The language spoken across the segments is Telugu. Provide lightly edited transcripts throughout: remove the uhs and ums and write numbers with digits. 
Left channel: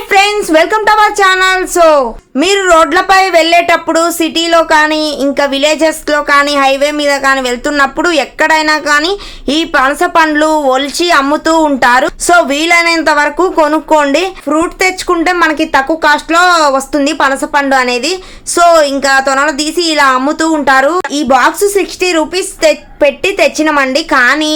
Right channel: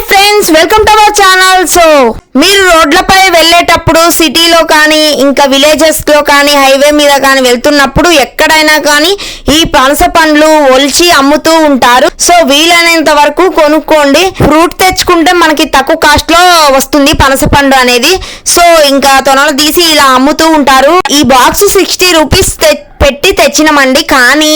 Hi friends, welcome to our channel. So మీరు రోడ్లపై వెళ్ళేటప్పుడు సిటీలో కానీ ఇంకా విలేజెస్ లో కానీ హైవే మీద కానీ వెళ్తున్నప్పుడు ఎక్కడైనా కానీ ఈ పనస పండ్లు ఒలిచి అమ్ముతూ ఉంటారు. సో వీలైనంత వరకు కొనుక్కోండి. ఫ్రూట్ తెచ్చుకుంటే మనకి తక్కువ కాస్ట్ లో వస్తుంది పనస పండు అనేది. సో ఇంకా తొనలు తీసి ఇలా అమ్ముతూ ఉంటారు. ఈ బాక్స్ 60 రూపీస్ పెట్టి తెచ్చినామండి. కానీ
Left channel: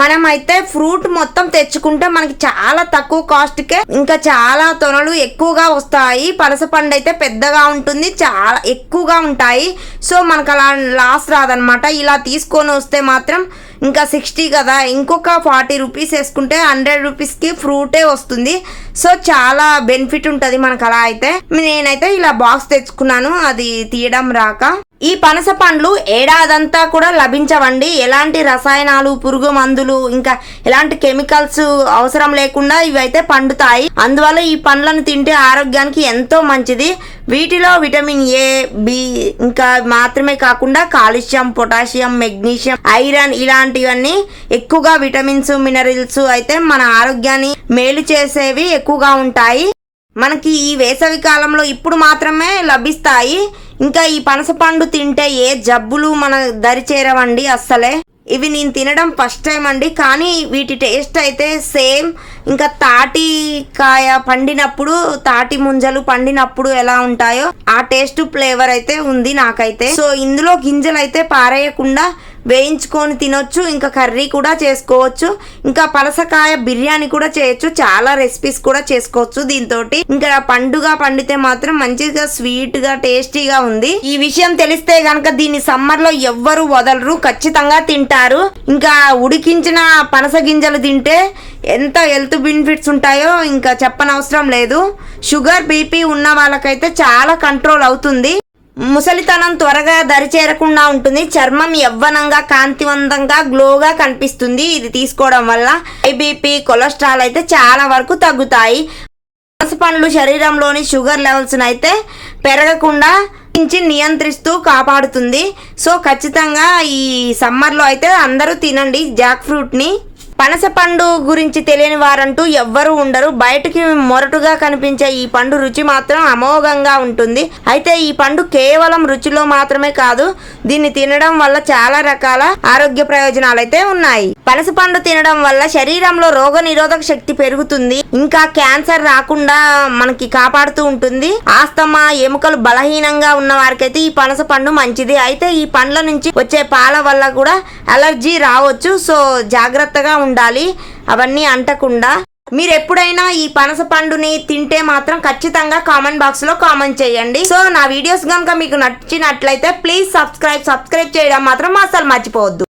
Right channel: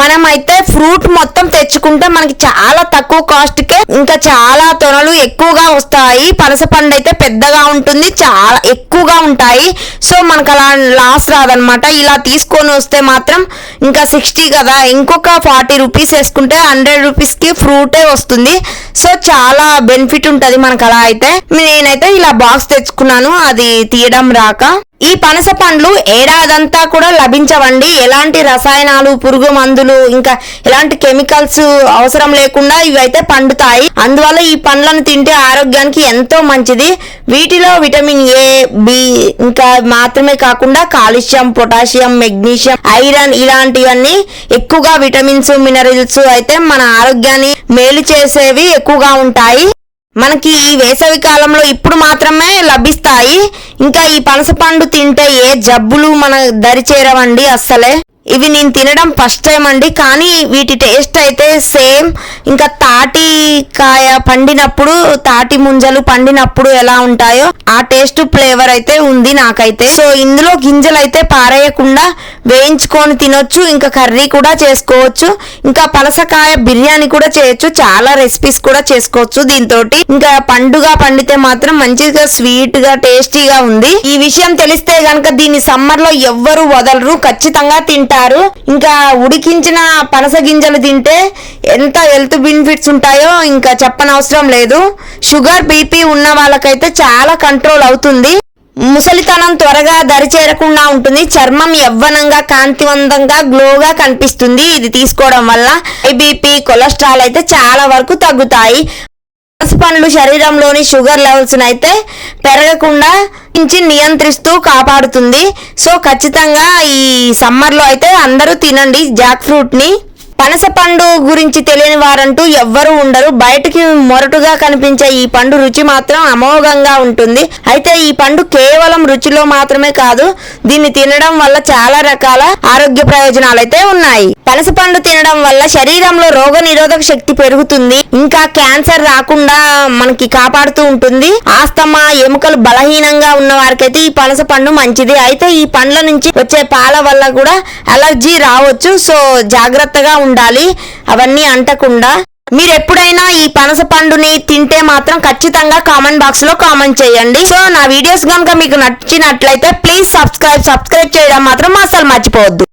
మనం అయితే ఫ్రూట్ మొత్తం తెచ్చుకుంటే మనకి చాలా తక్కువ కాస్ట్ కే ఇంకా చాలా తొనలు ఎక్కువగా వస్తాయి. పనస పండు అయితే పెద్దగా ఉంటుంది, చాలా ఎక్కువగా ఉంటాయి. సో మనకు అలా లాస్ రాదనమాట. ఇలా తీసుకొని వస్తే మాత్రం ఇంకా 60 కదా, ఇంకొక 40 రూపీస్ వేసుకుంటే 100 రూపీస్ కి ఫ్రూటే వస్తుంది. సో చాలా బెనిఫిట్ ఉంటది మనకు. అలా అయితే నేనైతే ఇలా బాక్స్ తెచ్చుకున్నాను, అది తీయడం రాక. ఈ పనస పండ్లు ఏడాదంతా కూడా లభించవండి. ఎలాంటి రసాయనాలు, పురుగు మందులు, ఇంకా ఎలాంటి కెమికల్స్ అవసరం లేకుండా ఇవైతే పండుతాయి. అందువల్ల ఈ పండ్లను తింటే ఆరోగ్యానికి ఎంతో మంచిది. వీటిలో విటమిన్ ఏ, బి ఇంకా మాత్రమే కాకుండా కాల్షియం, పొటాషియం, మెగ్నీషియం, ఐరన్ ఇలాంటివన్నీ ఎక్కువగా విటమిన్స్, మినరల్స్ అయితే మన ఆరోగ్యాన్ని మేలు చేసేవి ఎక్కువగా ఉంటాయి. మనకి ఈ వేసవి కాలంలో ఇప్పుడు మాత్రమే లభిస్తాయి. ఇంకా ఈ పనస పండు తింటే ఏ జబ్బులు మన దరి చేరవండి అస్సలే. ఇవి నేను తినడం ఫస్ట్ టైం అండి, కానీ వీటి టేస్ట్ అయితే సేమ్ ఇంకా తాటి కాయ పండినప్పుడు, తాటి ముంజలు పండినప్పుడు ఎలా ఉంటాయో ఆ టేస్ట్ ఫ్లేవర్ అయితే ఉంది నాకైతే. సో ఇందులో గింజలు అయితే పారేయకుండా వేయించుకొని తినొచ్చు, ఇంకా కర్రీ కూడా చేసుకోవచ్చు, ఇంకా పనసకాయ బిర్యానీ కూడా చేయొచ్చు, చాలా రెసిపీస్ కూడా చేసుకోవచ్చు దీంతో. ఇంకా పండుగ పండితే మాత్రం మంచిగా స్వీట్ గా టేస్టీగా ఉంది. ఈ విషయం తెలిస్తే గనక దీన్ని సమ్మర్ లో ఎవ్వరు వదలరు, ఖచ్చితంగా తింటారు. ఇంకా ఉడికించిన పనస గింజలు తింటే ఎంత హెల్త్ బెనిఫిట్స్ ఉంటాయో ఇంకా చెప్పనవసరం లేదు. షుగర్, బీపీ ఉన్న వాళ్ళకైతే చాలా కంట్రోల్ అవుతుంది. ముసలితనం త్వరగా దరి చేరకుండా ఉంటుంది. చర్మం యవ్వనంగా, కాంతివంతంగా, గ్లోగా కనిపిస్తుంది ఇది తీసుకోవడం వల్ల. బీపీ, కొలెస్ట్రాల్ అయితే చాలా వరకు తగ్గుతాయి. పనస పండ్లు శరీరంలోని షుగర్ లెవెల్స్ అయితే పెరగకుండా నియంత్రిస్తూ కాపాడుతుంది. సో ఖచ్చితంగా ఈ సమ్మర్ లో అయితే అందరూ తినండి జాక్ ఫ్రూట్ ని. పనస పండు గురించి తెలియని వారంటూ ఎవ్వరూ ఉండరు. బయటకి మొరటుగా కనిపించే ఈ పండు రుచి మాత్రం అమోఘంగా ఉంటుంది. అయితే ఈ పండు కేవలం రుచిలో మాత్రమే కాదు, దీన్ని తినడం వల్ల చాలా రకాల ఆరోగ్య ప్రయోజనాలు అయితే ఉన్నాయి. పనస పండు తినడం వల్ల శరీరంలో రోగ నిరోధక శక్తి పెరుగుతుంది, ఇంకా క్యాన్సర్ రాకుండా మనకి కాపాడుతూ ఉంటుంది. ఆస్తమా, ఎముకలు బలహీనంగా ఉన్న వారికైతే ఈ పనస పండు మంచిది. అయితే ఈ పండ్ల నుంచి వచ్చే పాల వల్ల కూడా అలర్జీ రావచ్చు. సో జాగ్రత్తగా ఉండాలి అవన్నీ అంటకుండా. మీరు ఎప్పుడైనా ఈ పనస పండుని తింటే మాత్రం ఖచ్చితంగా కామెంట్ బాక్స్ లో కామెంట్ చేయండి. సో నా వీడియోస్ కనుక మీకు నచ్చినట్లయితే ప్లీజ్ సబ్స్క్రైబ్ చేయడం మాత్రం అసలు మర్చిపోవద్దు.